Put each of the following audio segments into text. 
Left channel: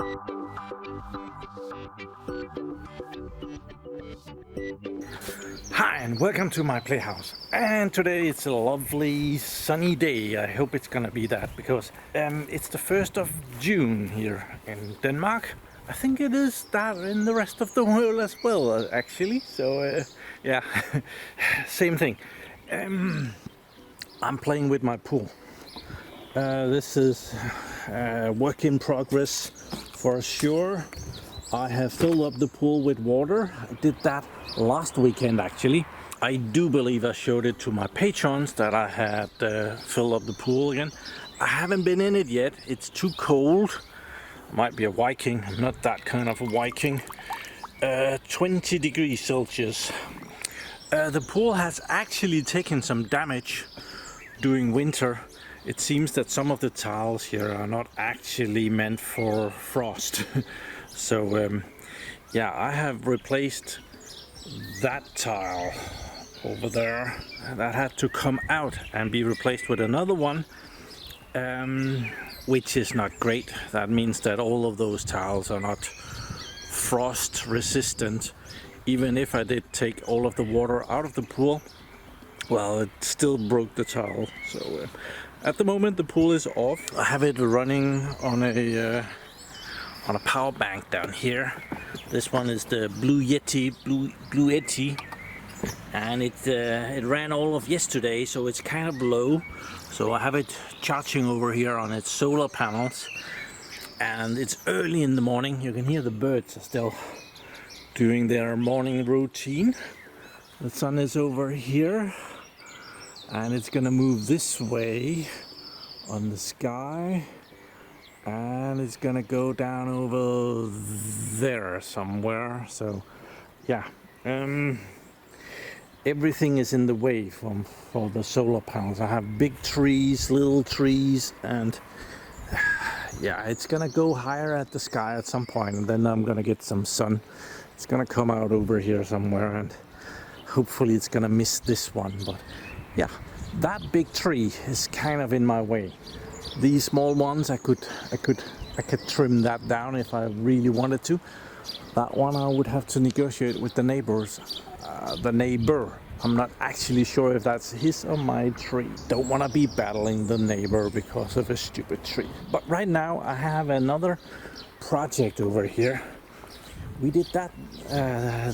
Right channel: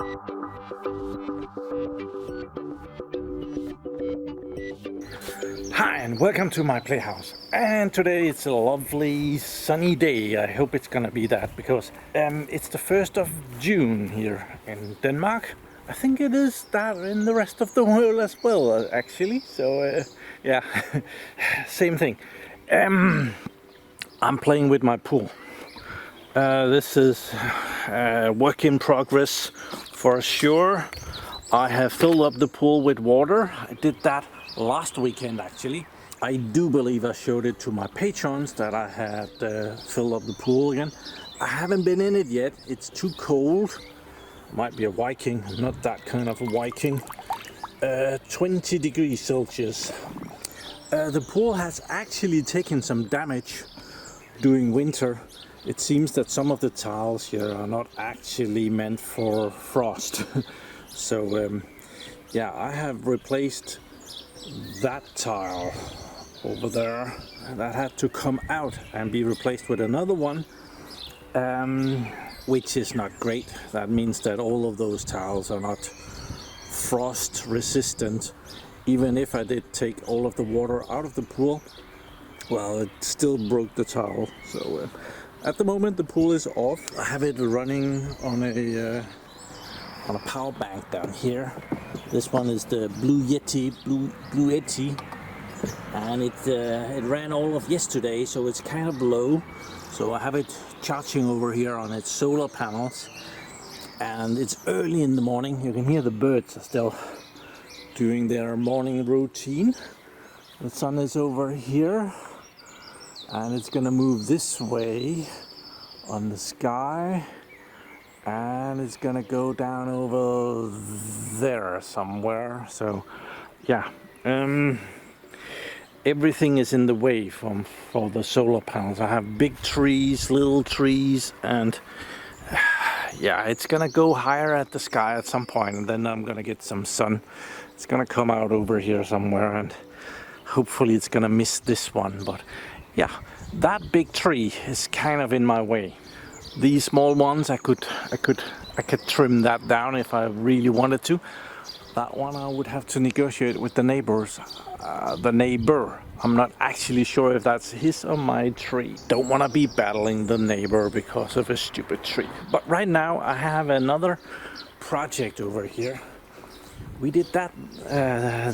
Hi and welcome to my playhouse, and today it's a lovely sunny day. I hope it's gonna be that because it's the 1st of June here in Denmark. I think it is that in the rest of the world as well, actually, so yeah, same thing. I'm playing with my pool. This is work in progress for sure. I have filled up the pool with water. I did that last weekend actually. I do believe I showed it to my patrons that I had filled up the pool again. I haven't been in it yet. It's too cold. I might be a Viking. I'm not that kind of a Viking. 20 degrees Celsius. The pool has actually taken some damage during winter. It seems that some of the tiles here are not actually meant for frost. So yeah, I have replaced that tile over there. That had to come out and be replaced with another one, which is not great. That means that all of those tiles are not frost resistant. Even if I did take all of the water out of the pool, well, it still broke the tile. So at the moment the pool is off. I have it running on a power bank down here. This one is the Blue Yeti, and it ran all of yesterday, so it's kind of low. So I have it charging over here on its solar panels, and it's early in the morning. You can hear the birds are still doing their morning routine. The sun is over here, and it's gonna move this way on the sky. And it's gonna go down over there somewhere. So yeah, everything is in the way for the solar panels. I have big trees, little trees, and yeah, it's gonna go higher at the sky at some point, and then I'm gonna get some sun. It's gonna come out over here somewhere, and hopefully it's gonna miss this one. But yeah, that big tree is kind of in my way. These small ones, I could trim that down if I really wanted to. That one I would have to negotiate with the neighbors. The neighbor. I'm not actually sure if that's his or my tree. Don't want to be battling the neighbor because of a stupid tree. But right now I have another project over here. We did that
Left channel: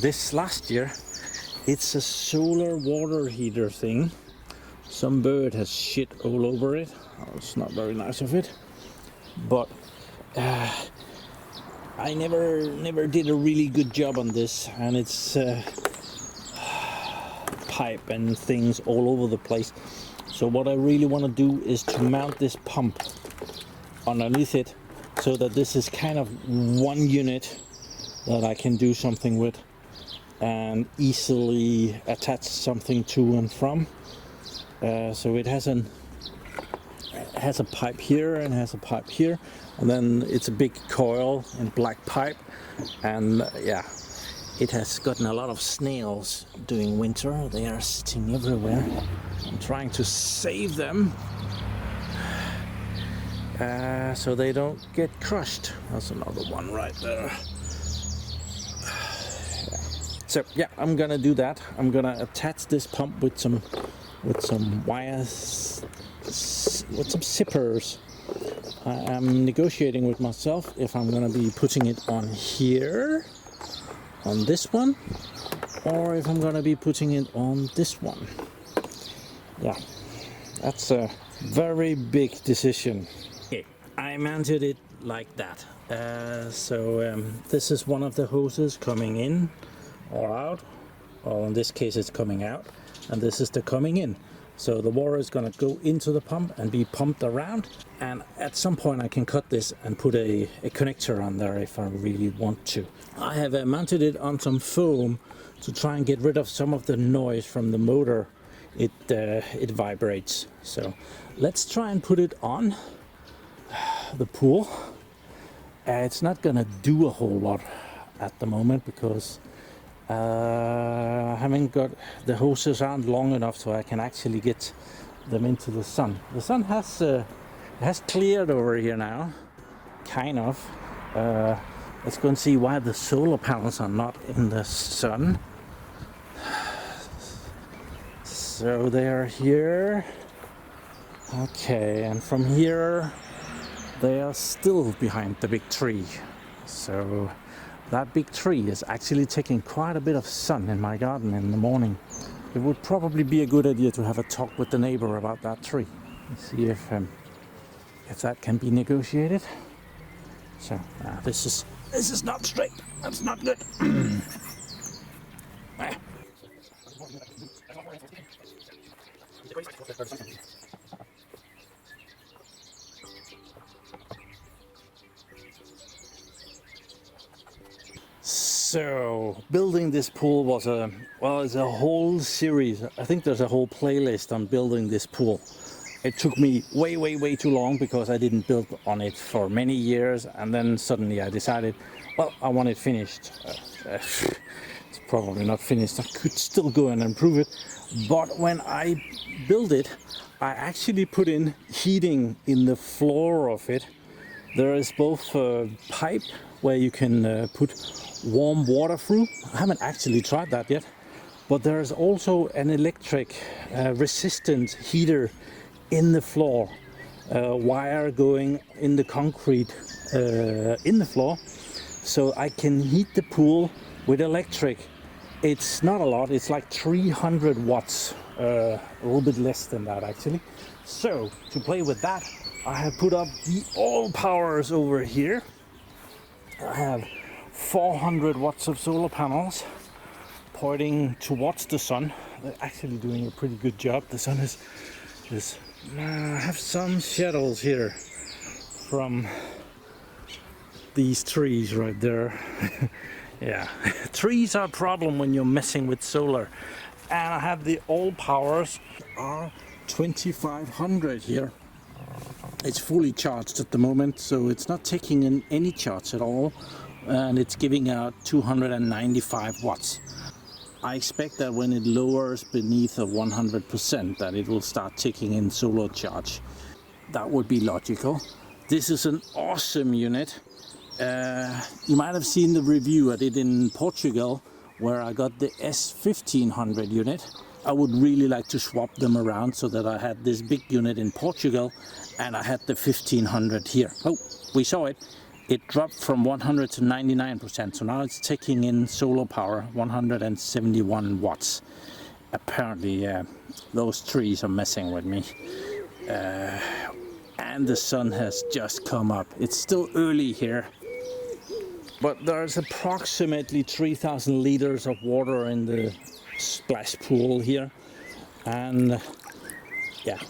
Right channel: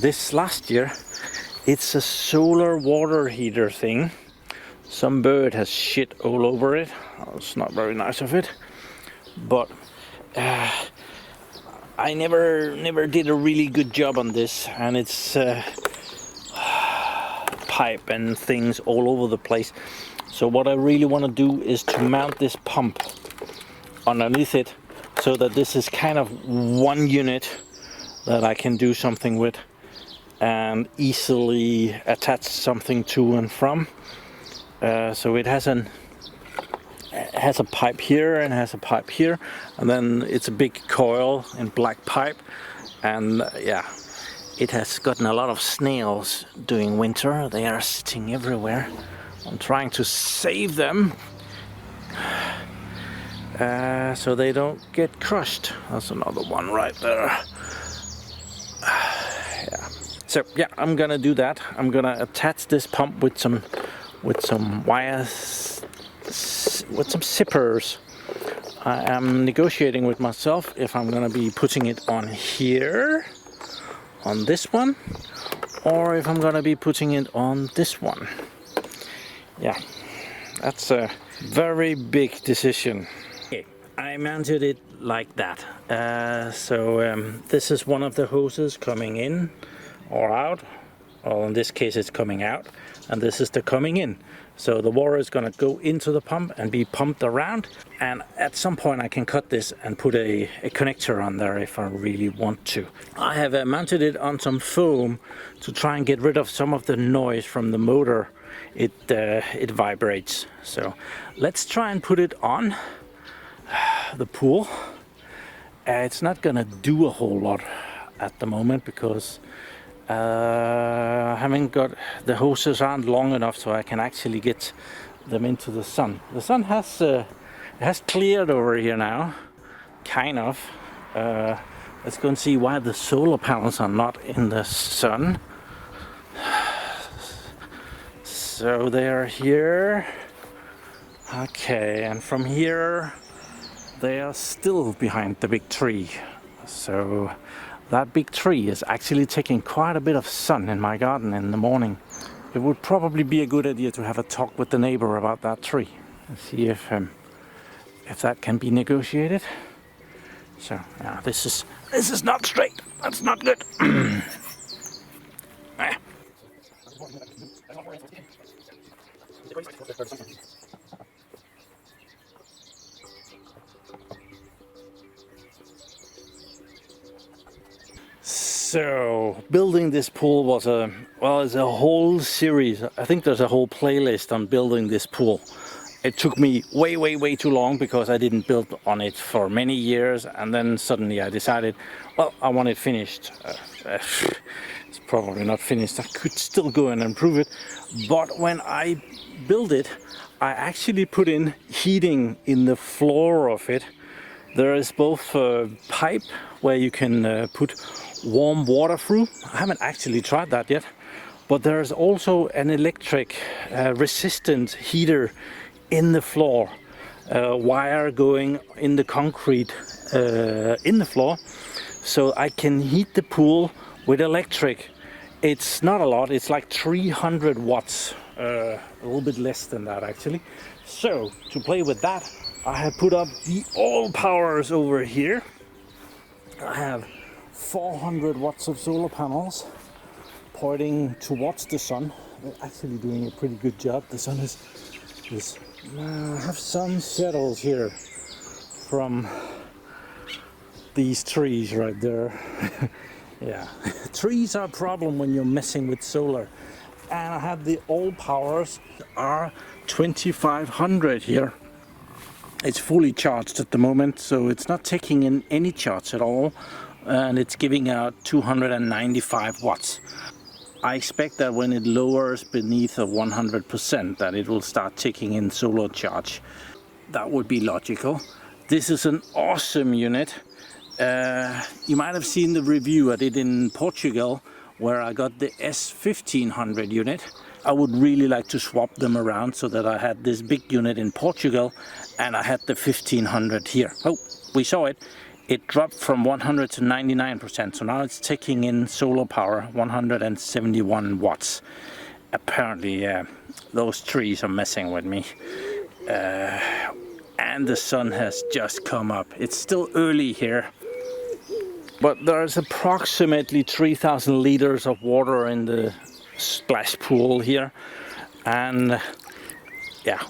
this last year. It's a solar water heater thing. Some bird has shit all over it. Oh, it's not very nice of it, but I never did a really good job on this, and it's pipe and things all over the place. So what I really want to do is to mount this pump underneath it, so that this is kind of one unit that I can do something with and easily attach something to and from. So it has a pipe here and has a pipe here, and then it's a big coil and black pipe, and yeah, it has gotten a lot of snails during winter. They are sitting everywhere. I'm trying to save them so they don't get crushed. That's another one right there. Yeah. So yeah, I'm gonna do that. I'm gonna attach this pump with some wires, with some zippers. I am negotiating with myself if I'm gonna be putting it on here, on this one, or if I'm gonna be putting it on this one. Yeah, that's a very big decision. Okay, I mounted it like that. This is one of the hoses coming in or out. Well, in this case it's coming out, and this is the coming in. So the water is going to go into the pump and be pumped around, and at some point I can cut this and put a connector on there if I really want to. I have mounted it on some foam to try and get rid of some of the noise from the motor. It vibrates. So let's try and put it on the pool. It's not going to do a whole lot at the moment because I haven't got, the hoses aren't long enough so I can actually get them into the sun. The sun has cleared over here now, kind of. Let's go and see why the solar panels are not in the sun. So they are here. Okay, and from here they are still behind the big tree. So that big tree is actually taking quite a bit of sun in my garden in the morning. It would probably be a good idea to have a talk with the neighbor about that tree and see if that can be negotiated. So this is not straight. That's not good. So building this pool was it's a whole series. I think there's a whole playlist on building this pool. It took me way too long because I didn't build on it for many years, and then suddenly I decided, well, I want it finished. It's probably not finished. I could still go and improve it, but when I built it, I actually put in heating in the floor of it. There is both a pipe where you can put warm water through. I haven't actually tried that yet, but there is also an electric resistant heater in the floor, wire going in the concrete in the floor, so I can heat the pool with electric. It's not a lot, it's like 300 watts, a little bit less than that actually. So to play with that, I have put up the all powers over here. I have 400 watts of solar panels pointing towards the sun. They're actually doing a pretty good job. The sun is I have some shadows here from these trees right there. Yeah, trees are a problem when you're messing with solar. And I have the all powers R2500 here. It's fully charged at the moment, so it's not taking in any charge at all, and it's giving out 295 watts. I expect that when it lowers beneath of 100%, that it will start taking in solar charge. That would be logical. This is an awesome unit. You might have seen the review I did in Portugal, where I got the S1500 unit. I would really like to swap them around so that I had this big unit in Portugal and I had the 1500 here. Oh, we saw it. It dropped from 100 to 99%, so now it's taking in solar power, 171 watts. Apparently, those trees are messing with me. And the sun has just come up. It's still early here, but there's approximately 3,000 liters of water in the splash pool here. And yeah,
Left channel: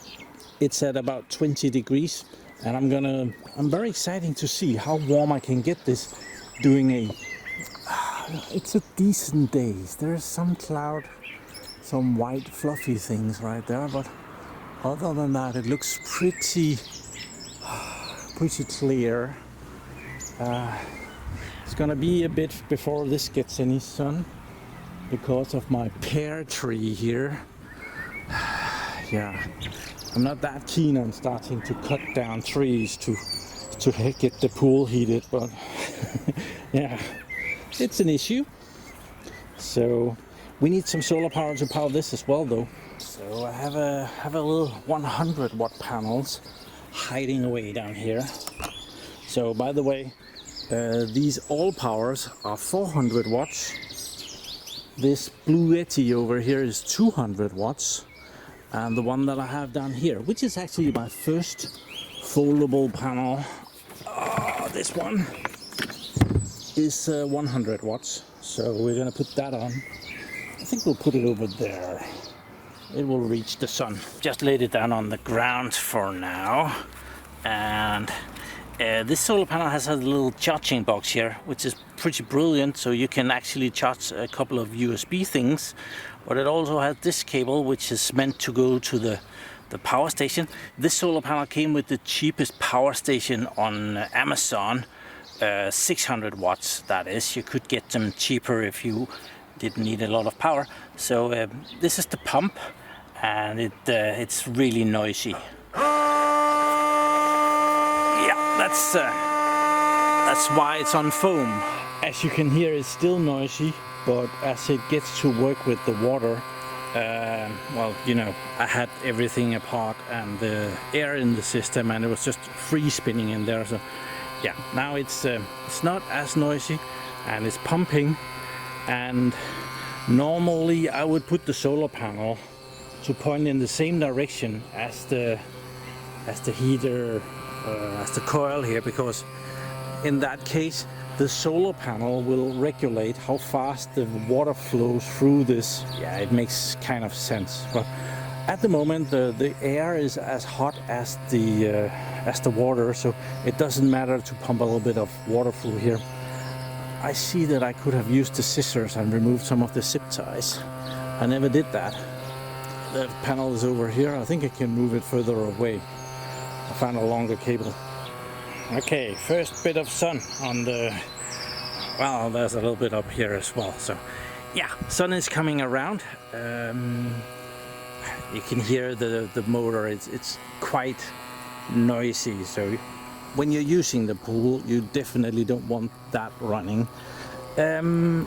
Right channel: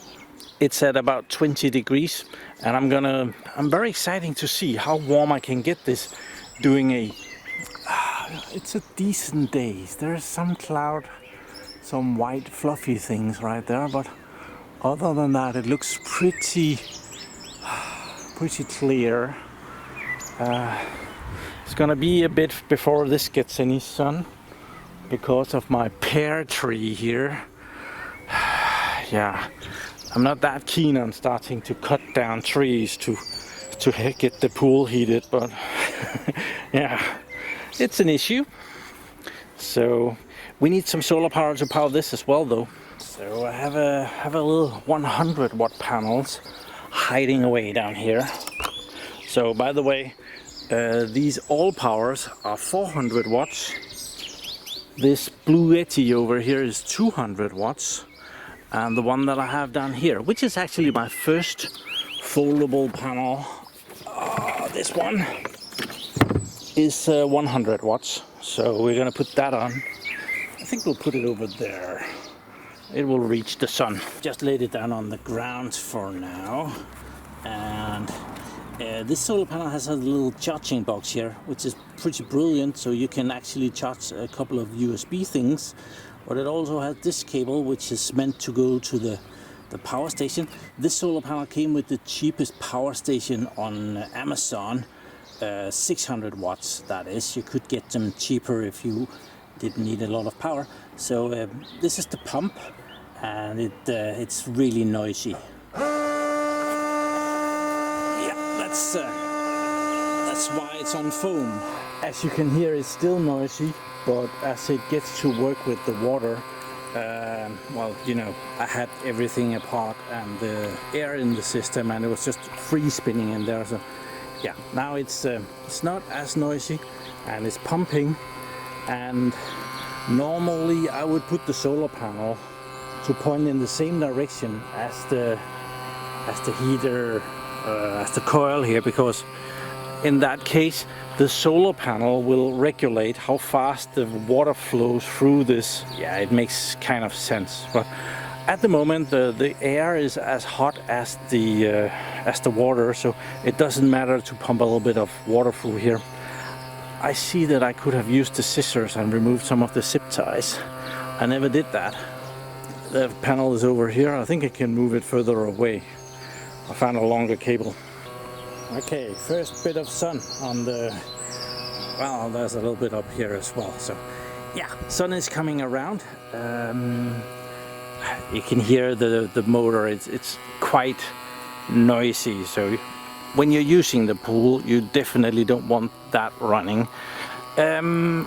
it's at about 20 degrees. And I'm very excited to see how warm I can get this doing it's a decent day. There's some cloud, some white fluffy things right there, but other than that it looks pretty clear. It's gonna be a bit before this gets any sun because of my pear tree here. Yeah. I'm not that keen on starting to cut down trees to get the pool heated, but yeah, it's an issue. So we need some solar power to power this as well, though. So I have a little 100 watt panels hiding away down here. So by the way, these all powers are 400 watts. This blue Yeti over here is 200 watts. And the one that I have down here, which is actually my first foldable panel, this one is 100 watts. So we're gonna put that on. I think we'll put it over there. It will reach the sun. Just laid it down on the ground for now. And this solar panel has a little charging box here, which is pretty brilliant. So you can actually charge a couple of USB things. But it also has this cable, which is meant to go to the power station. This solar panel came with the cheapest power station on Amazon, 600 watts that is. You could get them cheaper if you didn't need a lot of power. So this is the pump, and it's really noisy. Yeah, That's why it's on foam. As you can hear, it's still noisy, but as it gets to work with the water, well, you know, I had everything apart and the air in the system, and it was just free spinning in there. So yeah, now it's not as noisy and it's pumping. And normally I would put the solar panel to point in the same direction as the heater, as the coil here, because in that case the solar panel will regulate how fast the water flows through this. Yeah, it makes kind of sense. But at the moment the air is as hot as the water, so it doesn't matter to pump a little bit of water through here. I see that I could have used the scissors and removed some of the zip ties. I never did that. The panel is over here. I think I can move it further away. I found a longer cable. Okay, first bit of sun on the... Well, there's a little bit up here as well. So yeah, sun is coming around. You can hear the motor. It's quite noisy. So when you're using the pool, you definitely don't want that running.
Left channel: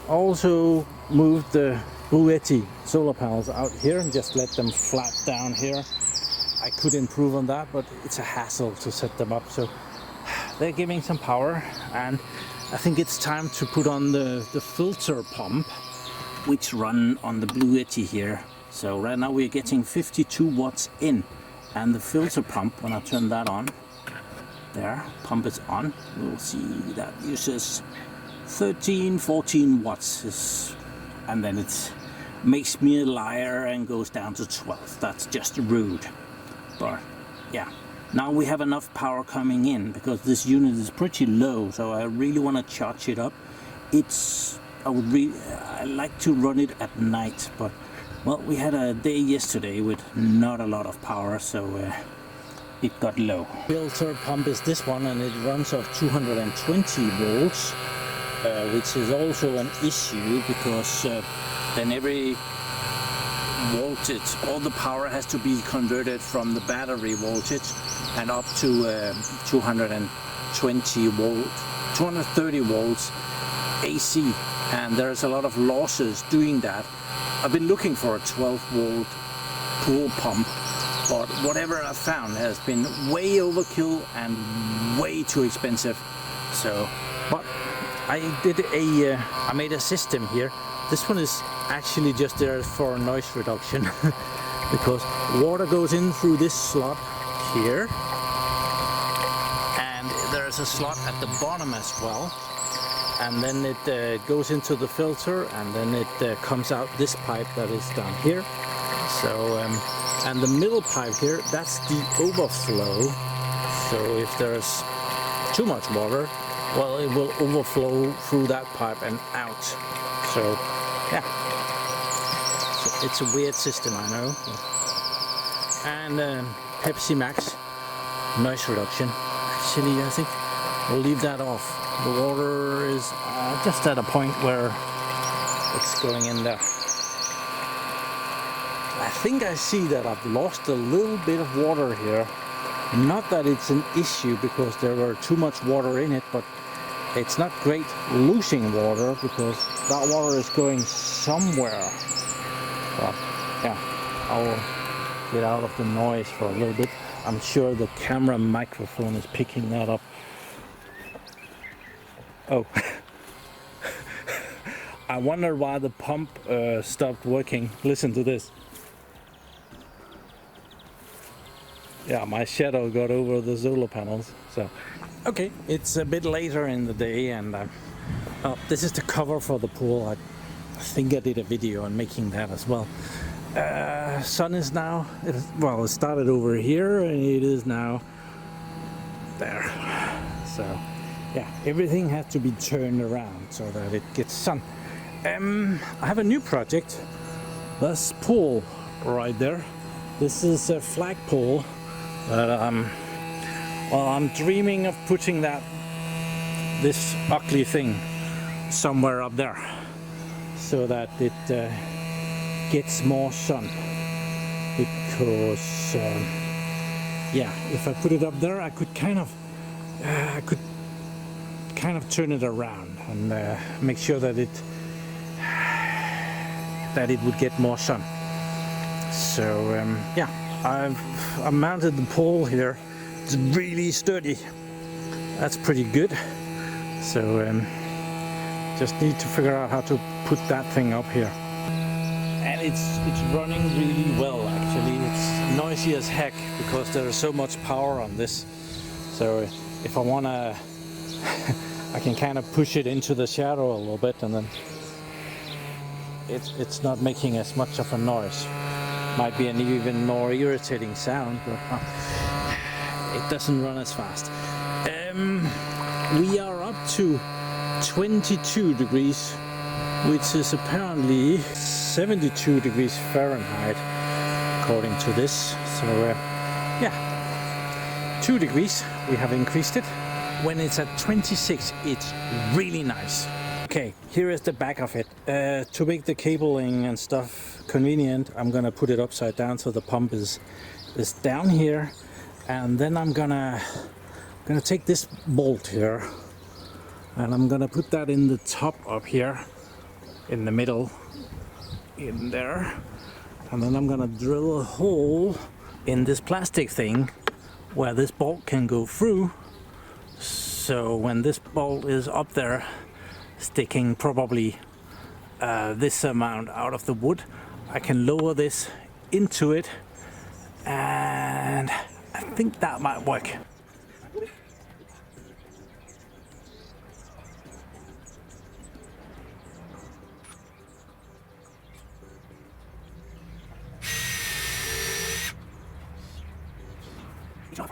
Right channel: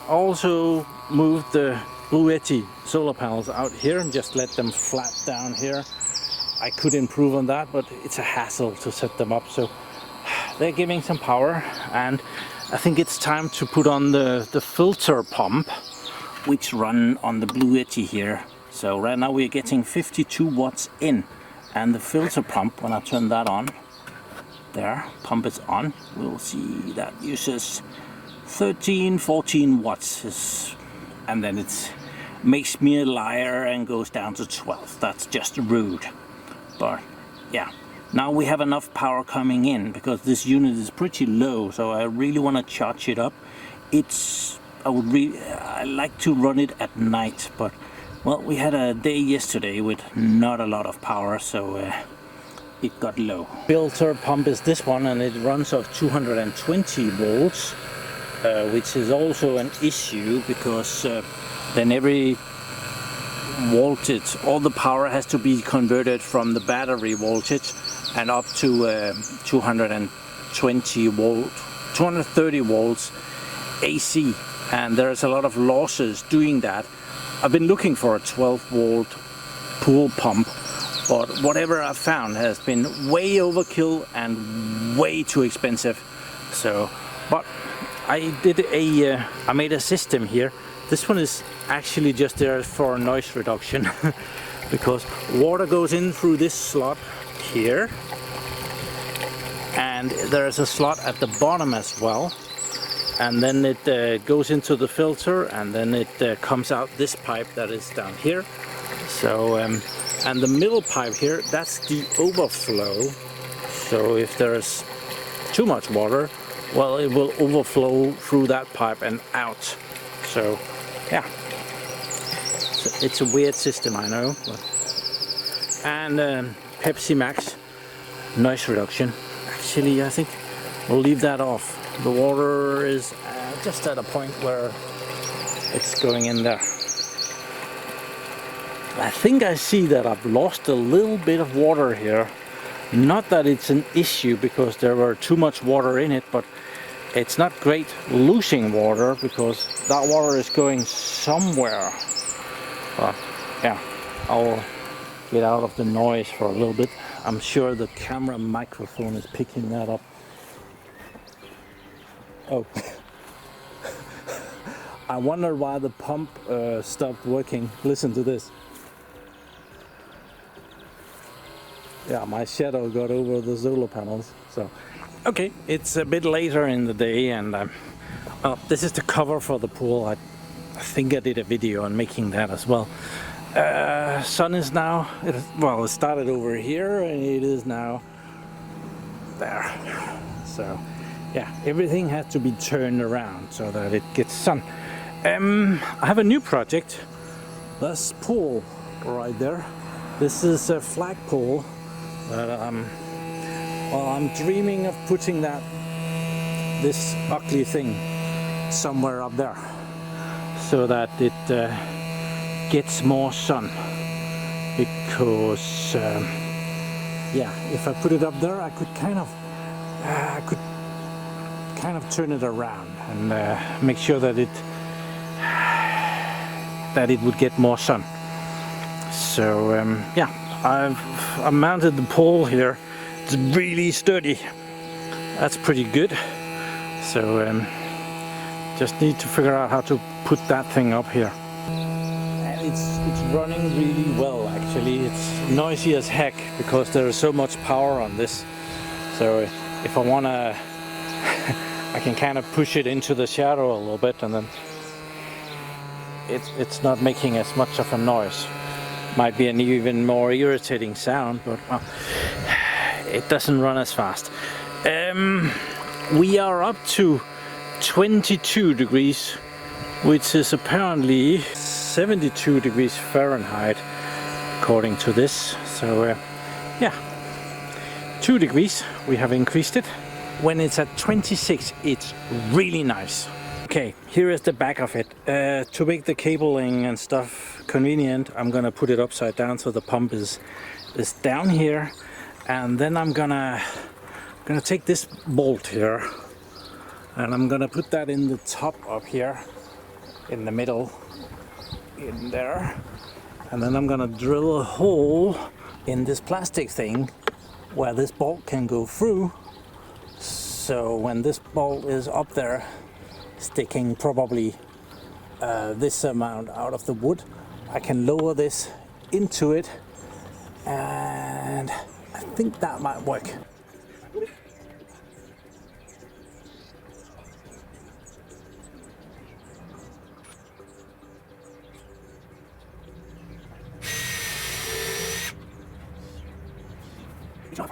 Also move the Bluetti solar panels out here and just let them flat down here. I could improve on that, but it's a hassle to set them up. So they're giving some power, and I think it's time to put on the filter pump, which run on the Bluetti here. So right now we're getting 52 watts in, and the filter pump, when I turn that on, there, pump is on, we'll see that uses 13-14 watts, and then it makes me a liar and goes down to 12. That's just rude. But yeah, now we have enough power coming in, because this unit is pretty low, so I really want to charge it up. I like to run it at night, but well, we had a day yesterday with not a lot of power, so it got low. Filter pump is this one, and it runs off 220 volts, which is also an issue, because then every voltage, all the power has to be converted from the battery voltage and up to 220 volt, 230 volts AC, and there's a lot of losses doing that. I've been looking for a 12 volt pool pump, but whatever I found has been way overkill and way too expensive. So, but I made a system here. This one is actually just there for noise reduction because water goes in through this slot here, and there's a slot at the bottom as well, and then it goes into the filter, and then it comes out this pipe that is down here. So and the middle pipe here, that's the overflow. So if there's too much water, well, it will overflow through that pipe and out. So yeah, so it's a weird system, I know. And Pepsi Max noise reduction. Actually, I think we'll leave that off. The water is just at a point where it's going in there. I think I see that I've lost a little bit of water here. Not that it's an issue because there were too much water in it, but it's not great losing water because that water is going somewhere. But yeah, I'll get out of the noise for a little bit. I'm sure the camera microphone is picking that up. Oh. I wonder why the pump stopped working. Listen to this. Yeah, my shadow got over the solar panels. So, okay, it's a bit later in the day, and well, this is the cover for the pool. I think I did a video on making that as well. Sun is now, it started over here, and it is now there. So, yeah, everything has to be turned around so that it gets sun. I have a new project. This pole right there. This is a flagpole. But I'm dreaming of putting this ugly thing somewhere up there so that it gets more sun. Because yeah, if I put it up there, I could kind of kind of turn it around and make sure that it would get more sun. So yeah, I've mounted the pole here. It's really sturdy. That's pretty good. So just need to figure out how to put that thing up here. And it's running really well actually. It's noisy as heck because there is so much power on this. So if I wanna I can kind of push it into the shadow a little bit, and then it's not making as much of a noise. Might be an even more irritating sound, but it doesn't run as fast. We are up to 22 degrees, which is apparently 72 degrees Fahrenheit according to this. So yeah, 2 degrees, we have increased it. When it's at 26, it's really nice. Okay, here is the back of it. To make the cabling and stuff convenient, I'm gonna put it upside down so the pump is down here, and then I'm gonna take this bolt here and I'm gonna put that in the top up here, in the middle, in there, and then I'm gonna drill a hole in this plastic thing where this bolt can go through. So when this bolt is up there, sticking probably this amount out of the wood, I can lower this into it, and I think that might work. These are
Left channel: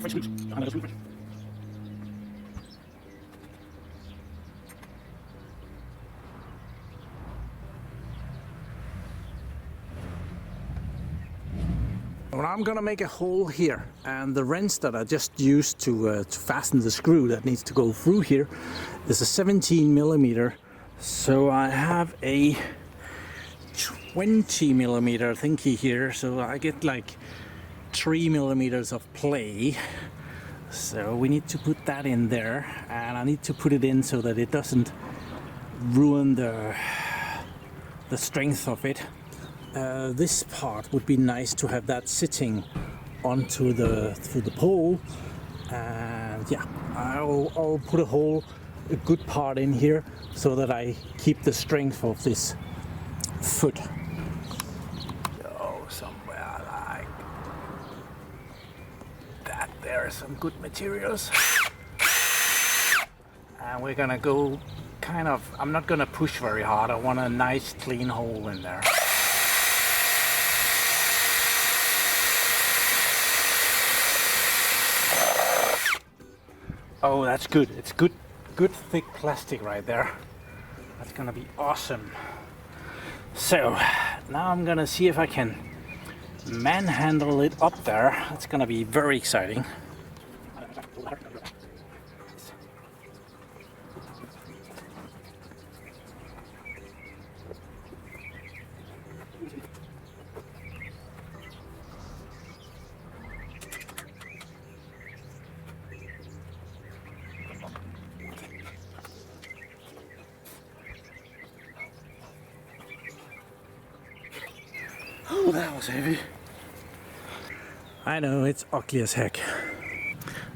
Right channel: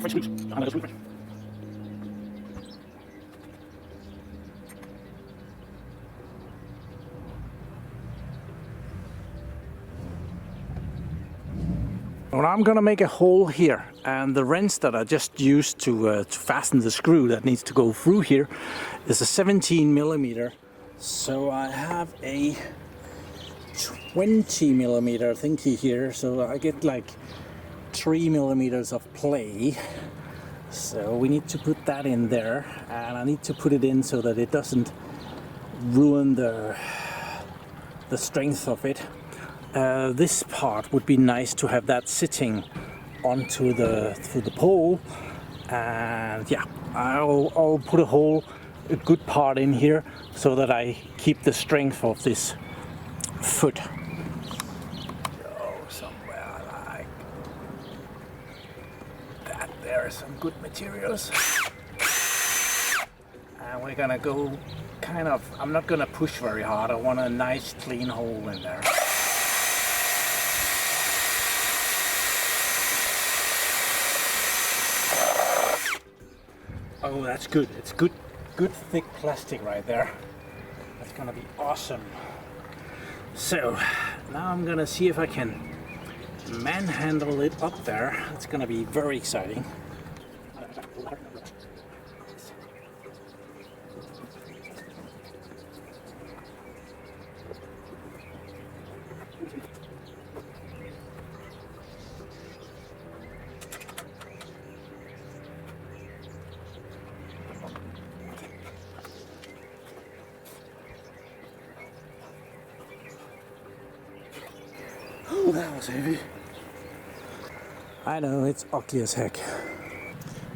French screws. I'm going to screw. Well, I'm going to make a hole here, and the wrench that I just used to fasten the screw that needs to go through here is a 17 millimeter. So I have a 20 millimeter thingy here, so I get like 3 millimeters of play. So we need to put that in there, and I need to put it in so that it doesn't ruin the strength of it. This part would be nice to have that sitting onto the pole, and yeah, I'll put a good part in here so that I keep the strength of this foot. Go somewhere like that. There are some good materials, and we're gonna go kind of, I'm not gonna push very hard. I want a nice clean hole in there. Oh, that's good. It's good thick plastic right there. That's gonna be awesome. So now I'm gonna see if I can manhandle it up there. It's gonna be very exciting. Oh, that was heavy. I know, it's ugly as heck.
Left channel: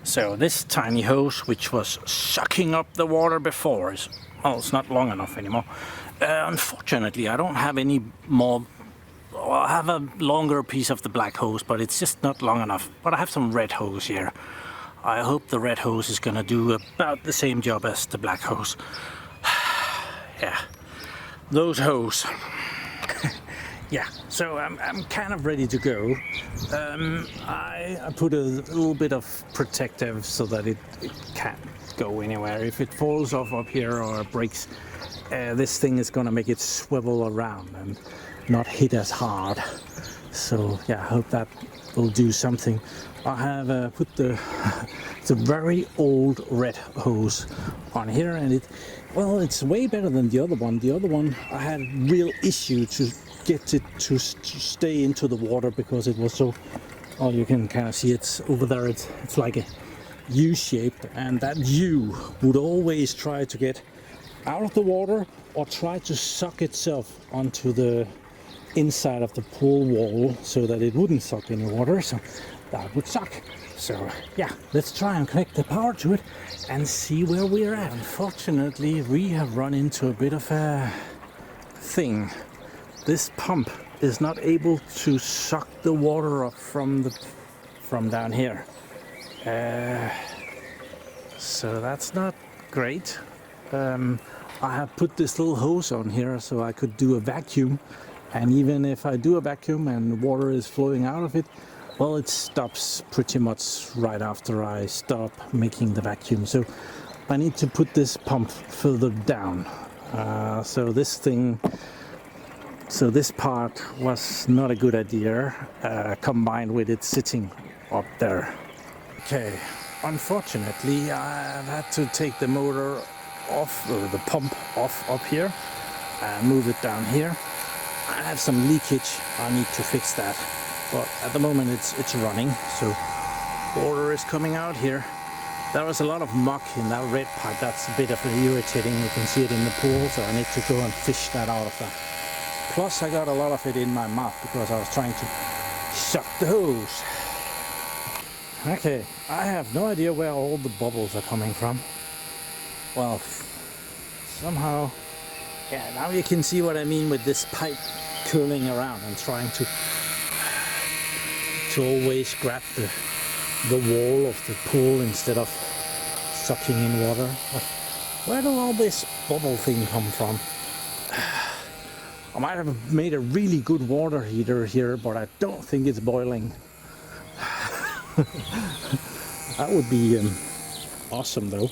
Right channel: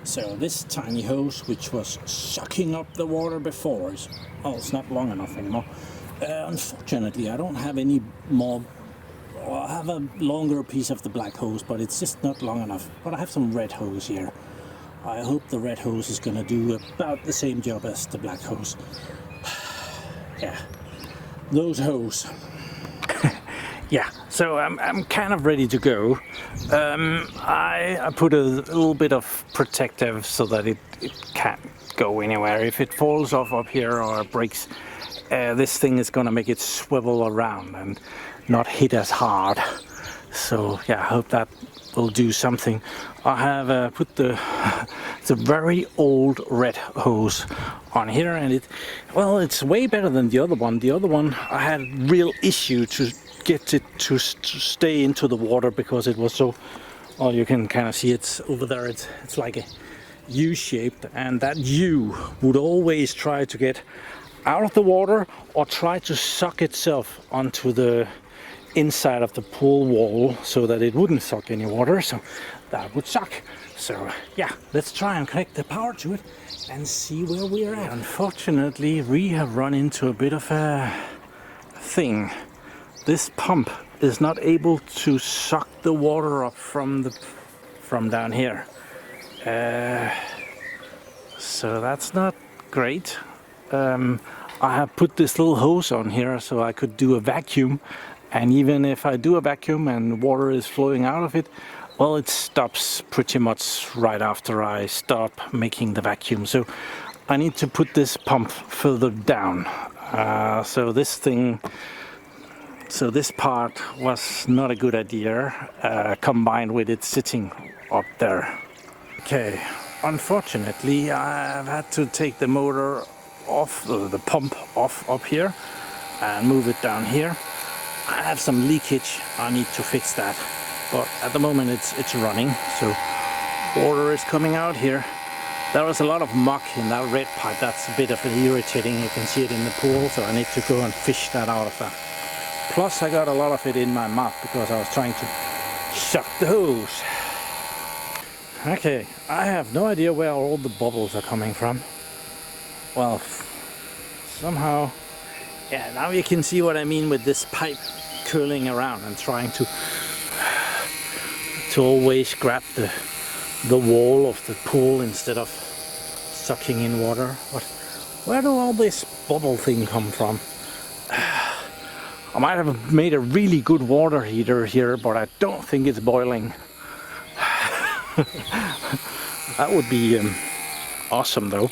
So this tiny hose, which was sucking up the water before, is, well, it's not long enough anymore. Unfortunately, I don't have any more. Well, I have a longer piece of the black hose, but it's just not long enough. But I have some red hose here. I hope the red hose is gonna do about the same job as the black hose. Yeah, those hose. Yeah, so I'm kind of ready to go. I put a little bit of protective so that it can't go anywhere. If it falls off up here or breaks, this thing is gonna make it swivel around and not hit as hard. So yeah, I hope that will do something. I have put the it's a very old red hose on here, and it's way better than the other one. The other one I had real issue to get it to stay into the water because it was so. Well, you can kind of see it's over there. It's like a U-shaped, and that U would always try to get out of the water or try to suck itself onto the inside of the pool wall so that it wouldn't suck any water, so that would suck. So yeah, let's try and connect the power to it and see where we're at. Unfortunately, we have run into a bit of a thing. This pump is not able to suck the water up from down here. So that's not great. I have put this little hose on here so I could do a vacuum, and even if I do a vacuum and water is flowing out of it, well, it stops pretty much right after I stop making the vacuum. So I need to put this pump further down. So this part was not a good idea, combined with it sitting up there. Okay, unfortunately I've had to take the motor off, or the pump off up here, and move it down here. I have some leakage, I need to fix that, but at the moment it's running, so water is coming out here. There was a lot of muck in that red pipe, that's a bit of irritating. You can see it in the pool, so I need to go and fish that out of that. Plus I got a lot of it in my mouth because I was trying to shut the hose. Okay, I have no idea where all the bubbles are coming from. Well, somehow, yeah, now you can see what I mean with this pipe curling around and trying to always grab the wall of the pool instead of sucking in water. But where do all this bubble thing come from? I might have made a really good water heater here, but I don't think it's boiling. That would be awesome though.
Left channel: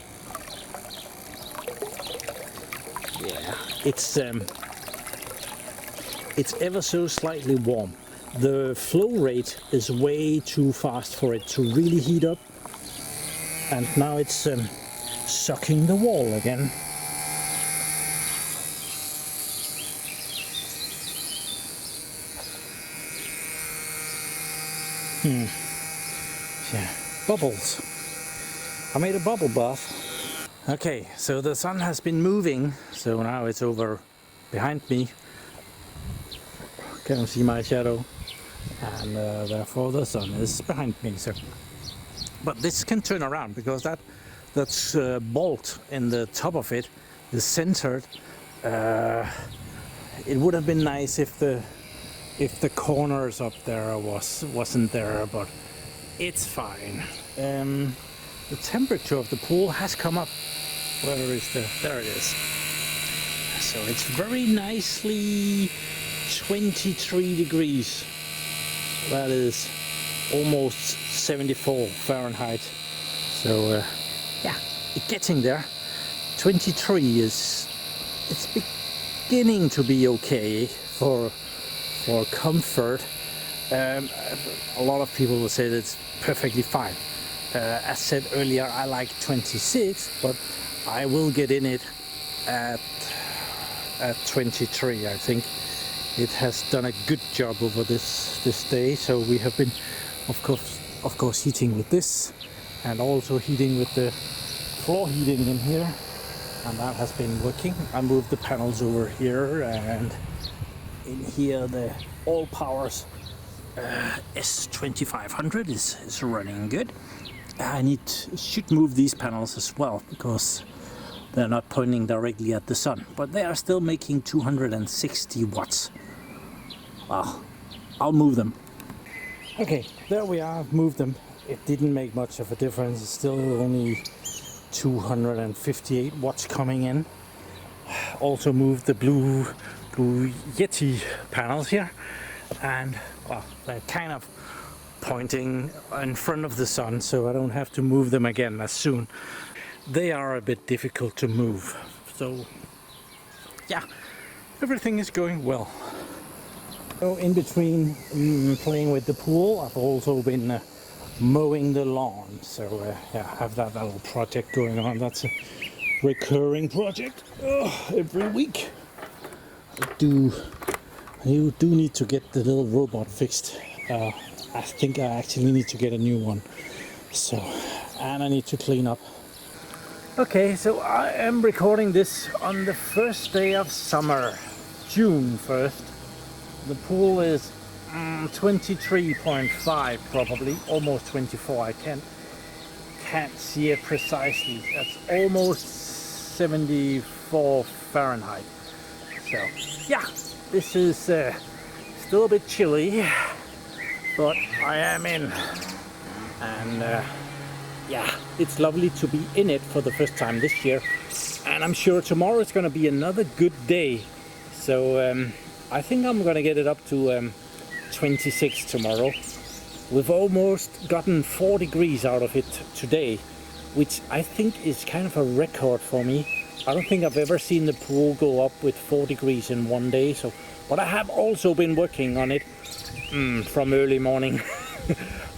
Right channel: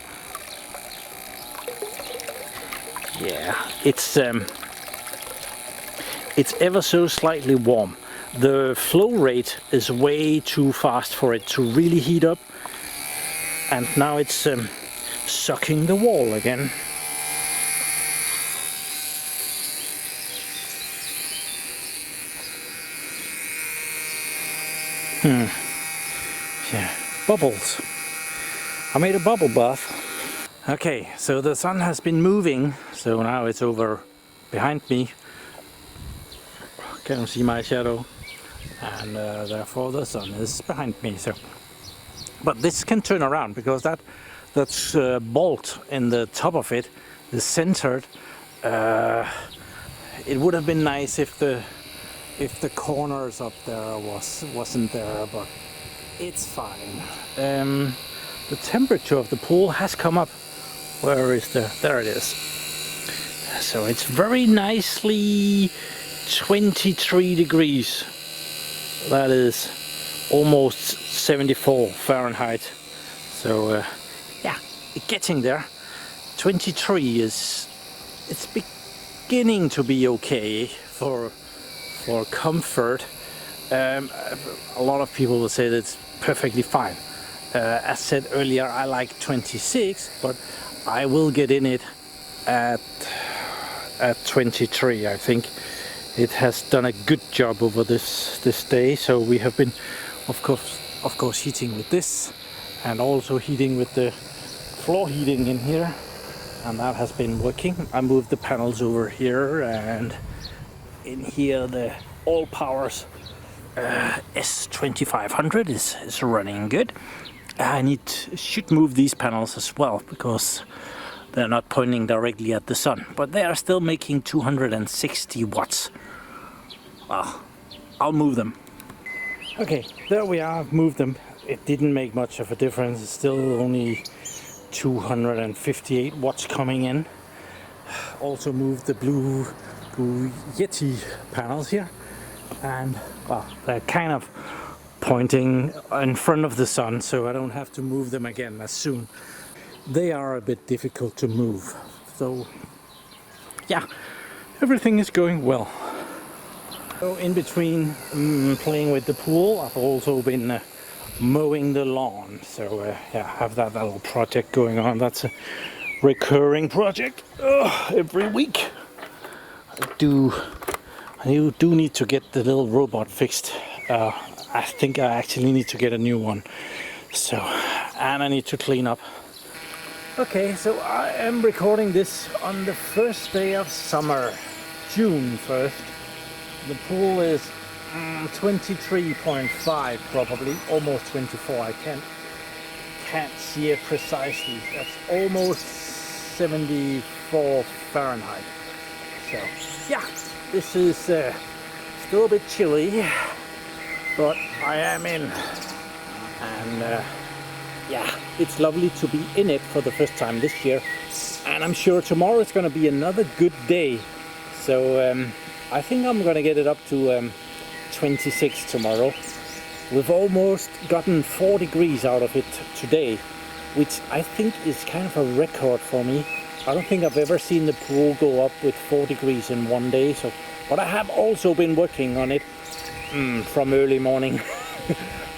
Yeah, it's ever so slightly warm. The flow rate is way too fast for it to really heat up, and now it's sucking the wall again. Yeah, bubbles. I made a bubble bath. Okay, so the sun has been moving, so now it's over behind me. Can't see my shadow, and therefore the sun is behind me. So, but this can turn around because that's bolt in the top of it is centered. It would have been nice if the corners up there wasn't there, but it's fine. The temperature of the pool has come up. Where is there it is. So it's very nicely 23 degrees. That is almost 74 Fahrenheit. So yeah, it's getting there. 23 it's beginning to be okay for comfort. A lot of people will say that it's perfectly fine. As said earlier, I like 26, but I will get in it at 23. I think it has done a good job over this day. So we have been, of course, heating with this, and also heating with the floor heating in here, and that has been working. I moved the panels over here, and in here the All Powers S2500 is running good. I should move these panels as well because they're not pointing directly at the sun, but they are still making 260 watts. Well, I'll move them. Okay, there we are, I've moved them. It didn't make much of a difference. It's still only 258 watts coming in. Also moved the blue Yeti panels here, and well, they're kind of pointing in front of the sun, so I don't have to move them again as soon. They are a bit difficult to move, so yeah, everything is going well. So in between playing with the pool, I've also been mowing the lawn. So yeah, I have that little project going on. That's a recurring project every week. I do need to get the little robot fixed. I think I actually need to get a new one. So, and I need to clean up. Okay, so I am recording this on the first day of summer, June 1st. The pool is 23.5 probably, almost 24. I can't see it precisely. That's almost 74 Fahrenheit. So yeah, this is still a bit chilly, but I am in, and yeah, it's lovely to be in it for the first time this year, and I'm sure tomorrow is going to be another good day. So I think I'm going to get it up to 26 tomorrow. We've almost gotten 4 degrees out of it today, which I think is kind of a record for me. I don't think I've ever seen the pool go up with 4 degrees in one day. So, but I have also been working on it from early morning.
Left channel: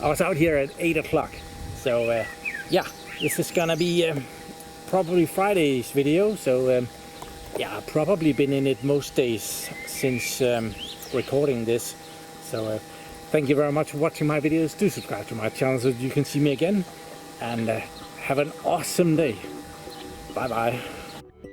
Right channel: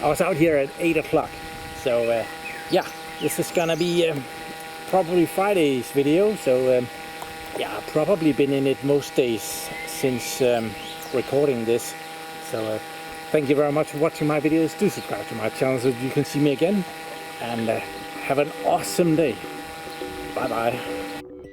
I was out here at 8 o'clock. So yeah, this is gonna be probably Friday's video. So yeah, I've probably been in it most days since recording this. So thank you very much for watching my videos. Do subscribe to my channel so you can see me again, and have an awesome day. Bye bye.